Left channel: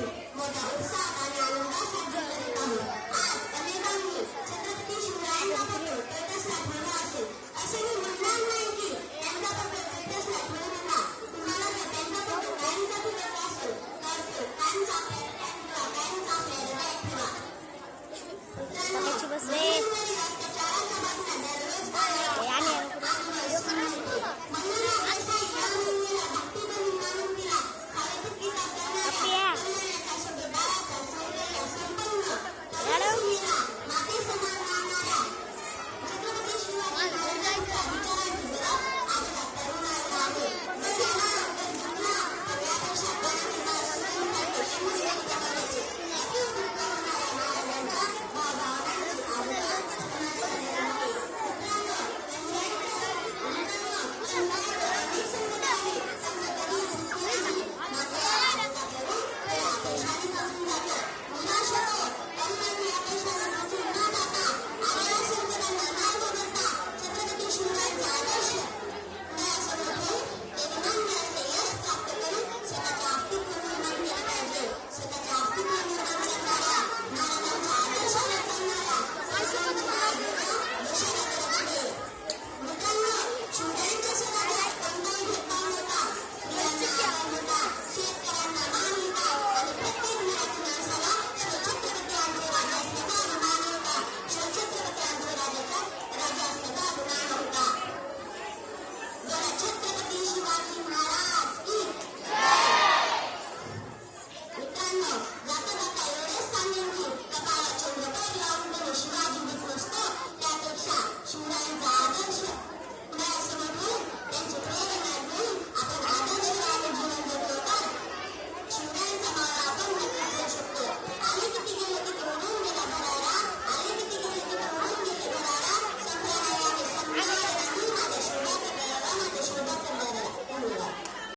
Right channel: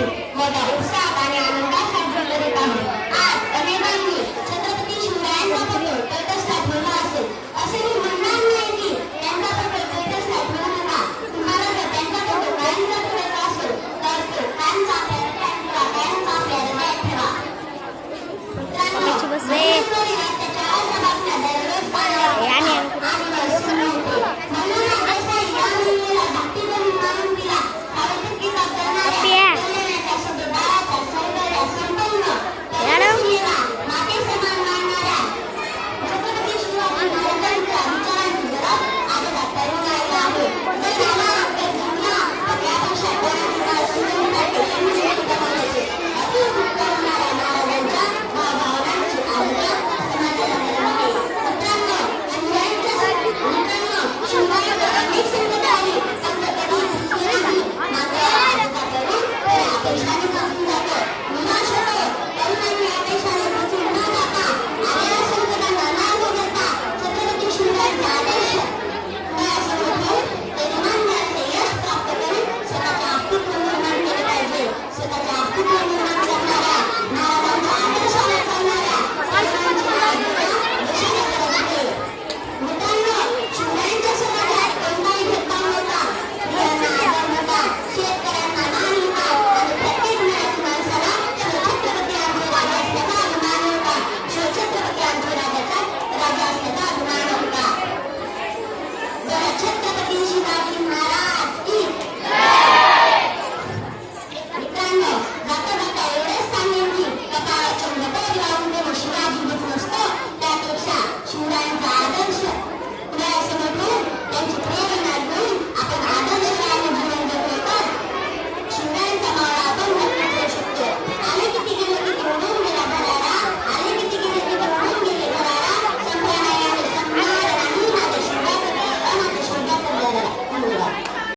वर्षापासून मोठ्या उत्साहात आणि आनंदात साजरी करीत आहोत। आज अनेकांनी छत्रपती शिवरायांचा फोटो तटस्थात ठेवला असेल, असे मी म्हणणार नाही की त्यांचा फोटो तटस्थात ठेवू नका। तुम्हाला जर त्यांचा फोटो कायमचा ठेवायचा असेल तर तो कायमचा आपल्या हृदयात ठेवा, कायमचा आपल्या हृदयात ठेवा।